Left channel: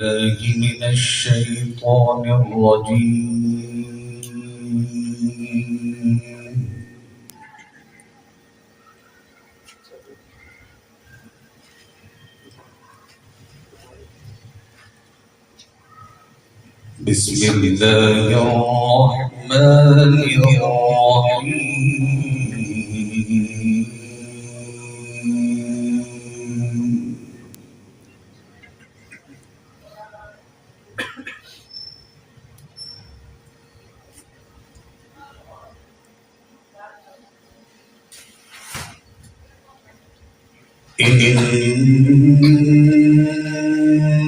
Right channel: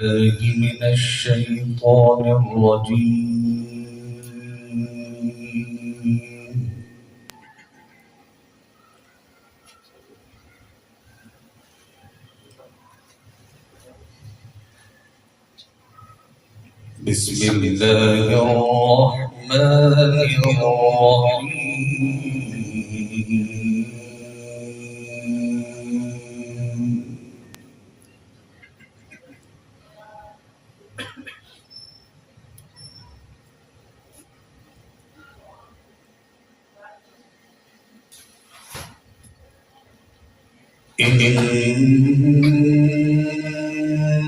بالله من الشيطان الرجيم. بسم الله الرحمن الرحيم.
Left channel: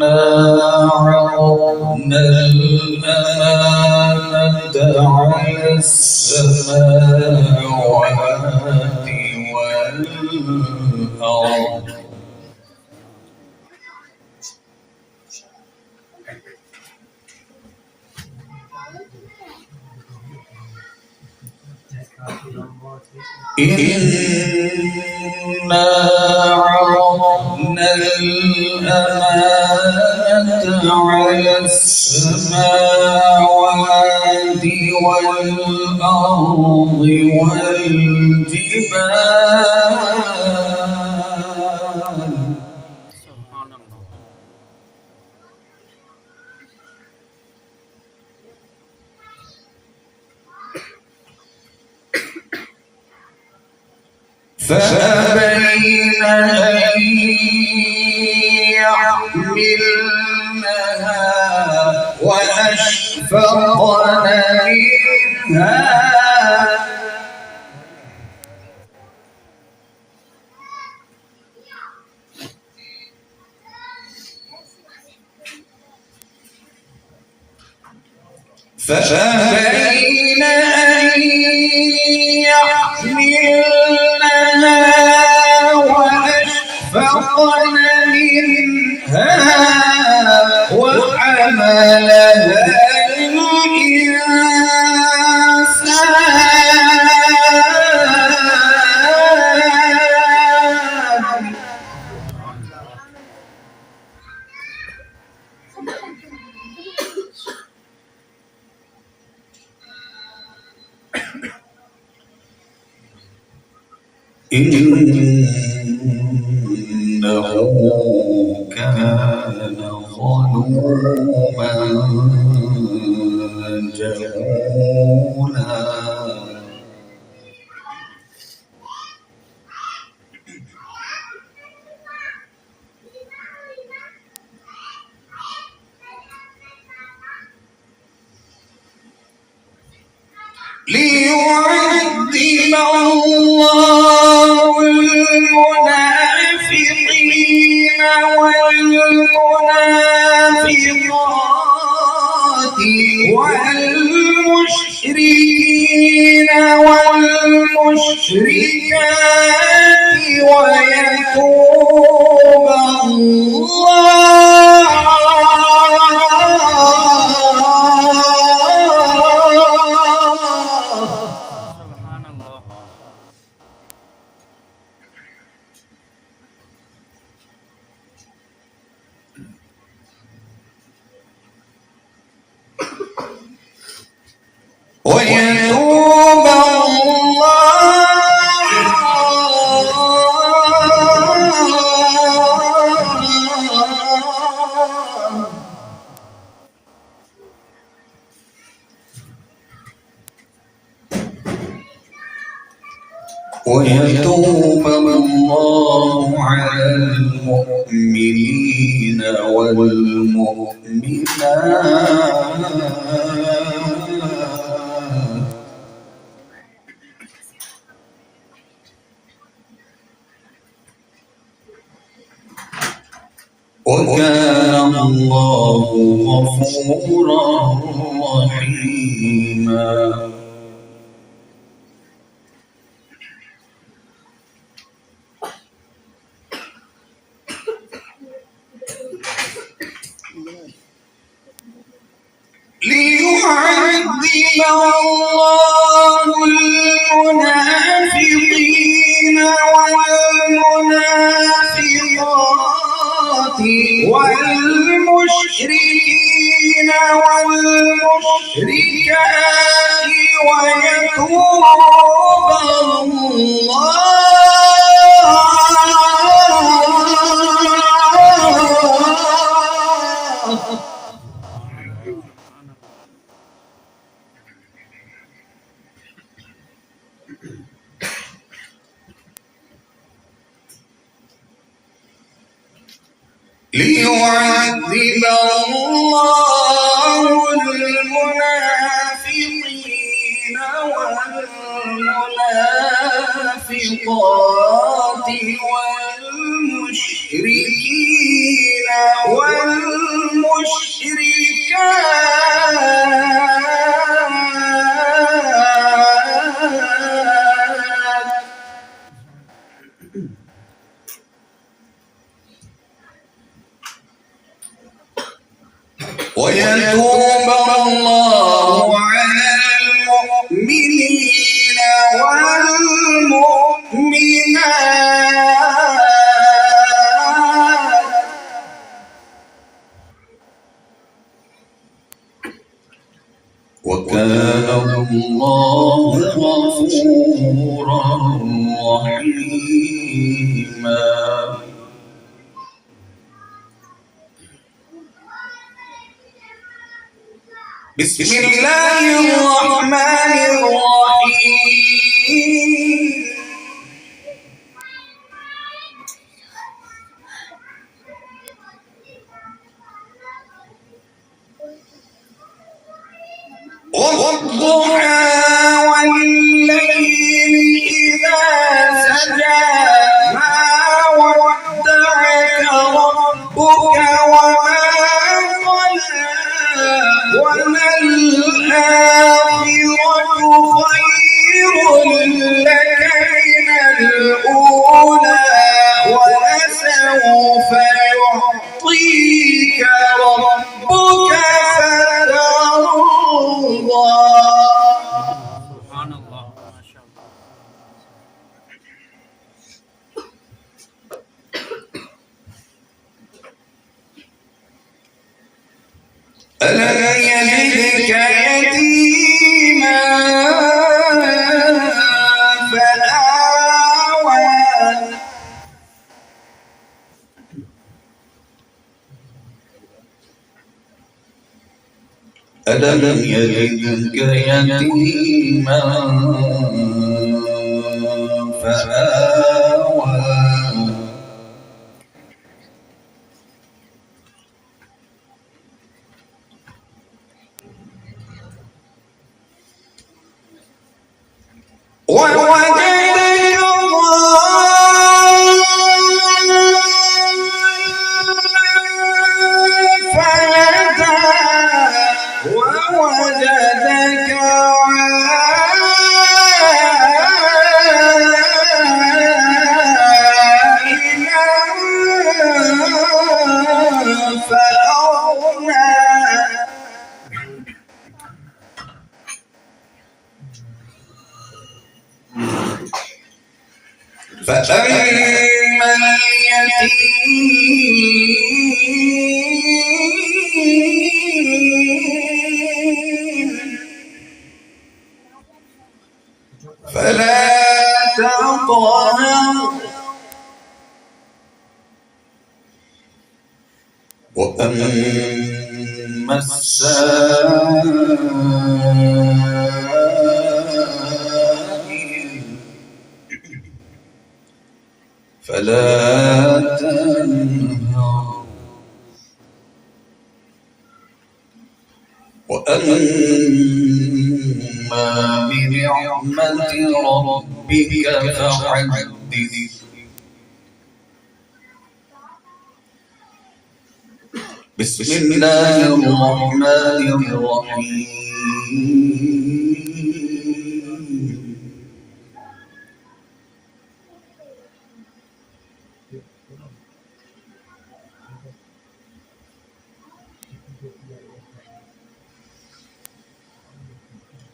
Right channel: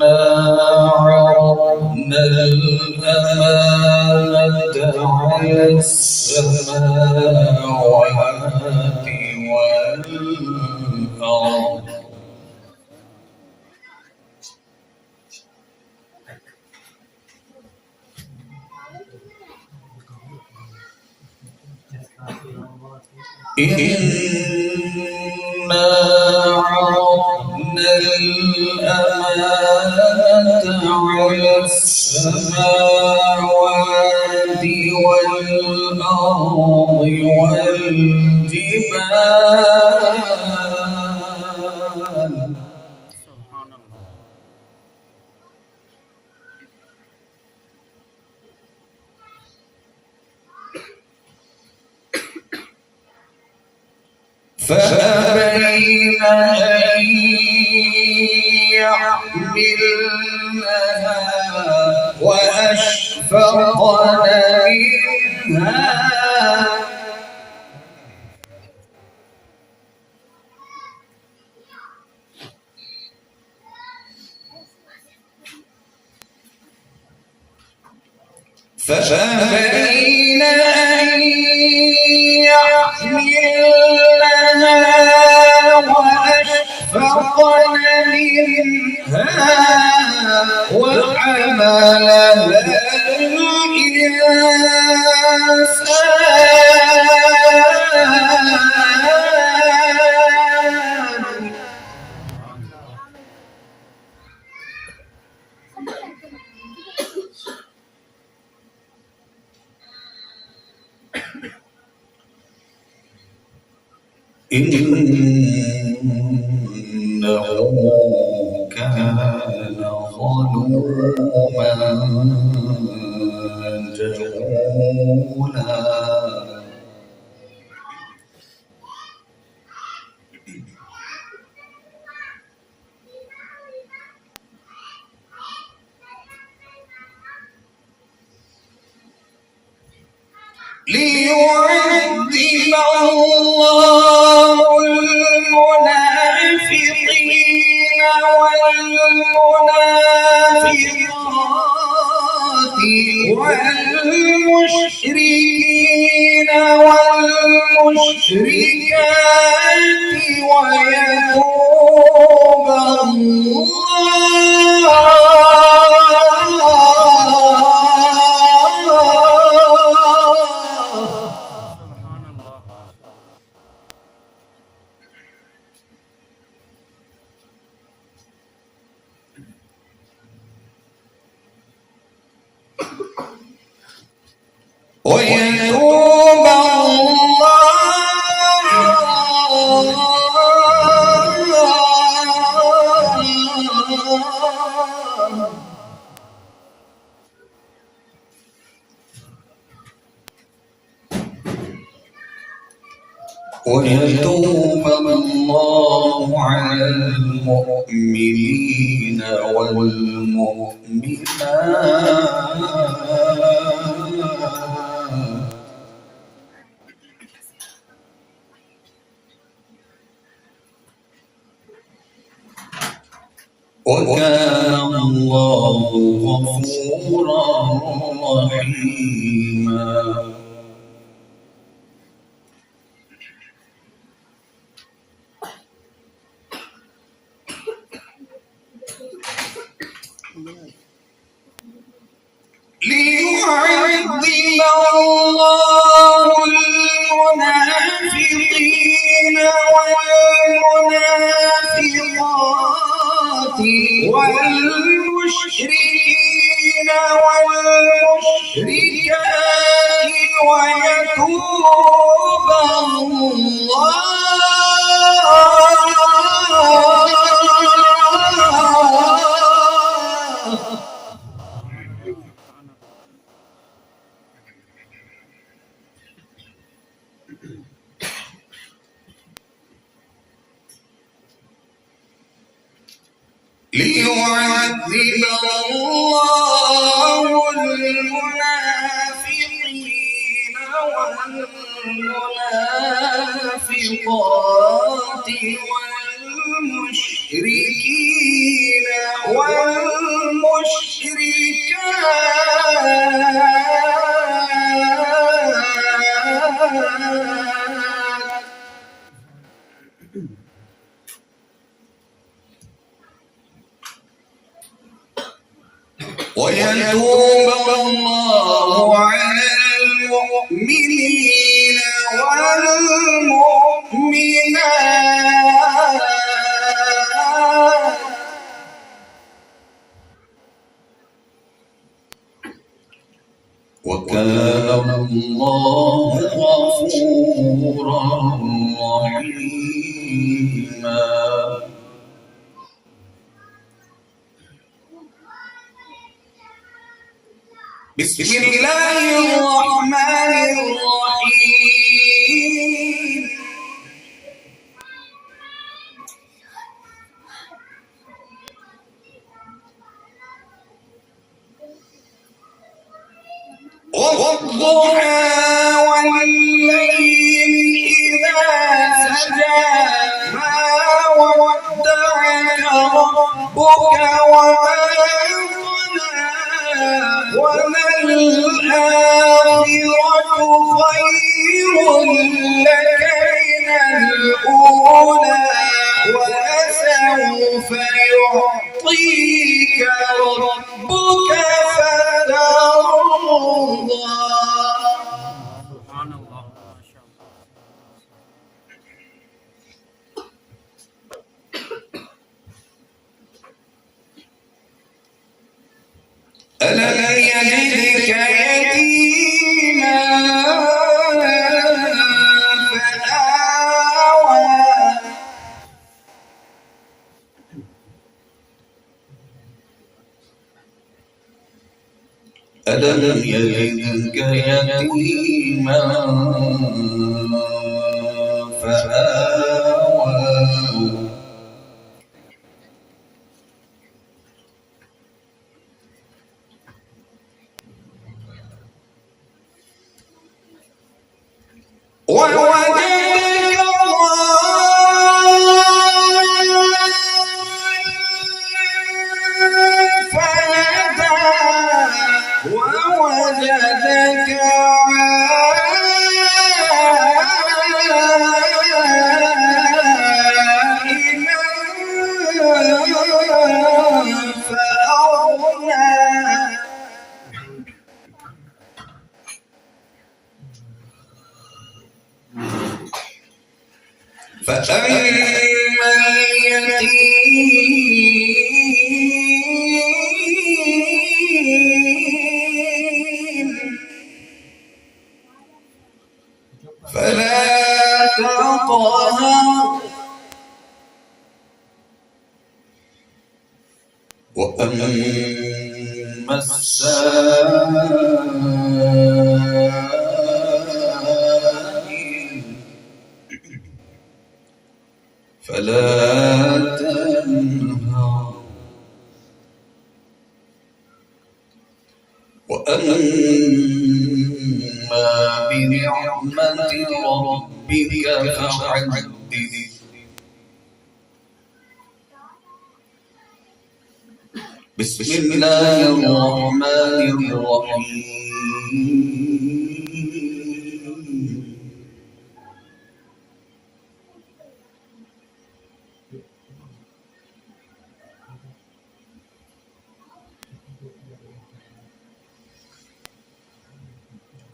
إنا عرضنا الأمانة على السماوات والأرض إنا عرضنا الأمانة على السماوات والأرض والجبال فأبين أن يحملنها وأشفقن منها فأبين أن يحملنها وأشفقن منها وحملها الإنسان إنه كان ظلوما جهولا ليعذب الله المنافقين والمنافقات والمشركين والمشركات ويتوب ويتوب الله على المؤمنين والمؤمنات وكان الله غفورا رحيما. ليعذب الله المنافقين والمنافقات والمشركين ويتوب الله ليعذب الله المنافقين والمنافقات والمشركين والمشركات ويتوب الله على المؤمنين والمؤمنات وكان الله غفورا رحيما. بسم الله الرحمن الرحيم. والضحى والليل إذا سجى ما ودعك ربك وما قلى وللآخرة خير لك من الأولى ولسوف يعطيك ربك فترضى. سبحان الله ما شاء الله. ألم يجدك يتيما فآوى ألم يجدك يتيما فآوى ووجدك ضالا فهدى ووجدك عائلا فأغنى. فأما اليتيم فلا تقهر وأما السائل فلا تنهر وأما بنعمة ربك فحدث. بسم الله الرحمن الرحيم.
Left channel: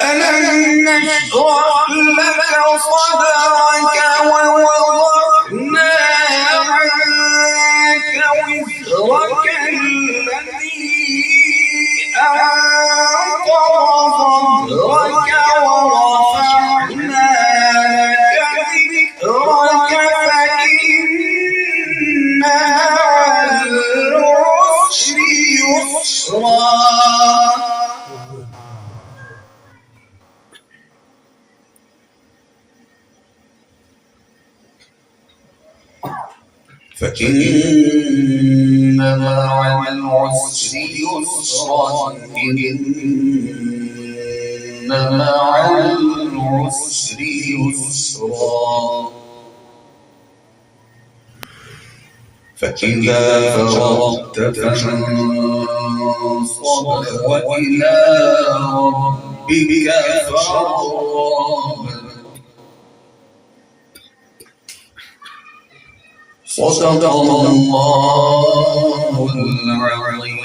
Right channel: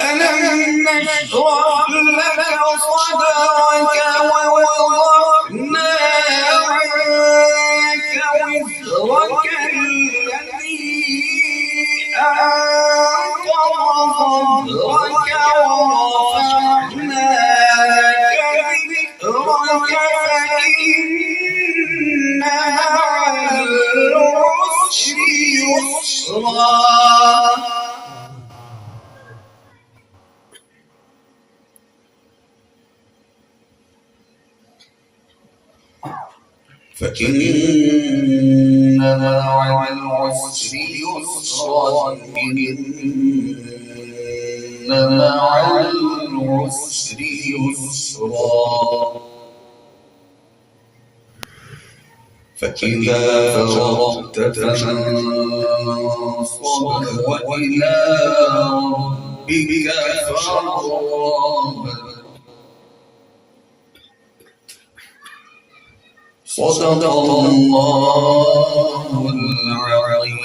ألم نشرح لك صدرك ووضعنا عنك وزرك الذي أنقض يسرا فإن مع العسر يسرا إن مع العسر يسرا فإذا فرغت فانصب وإلى ربك فارغب صدق الله العظيم.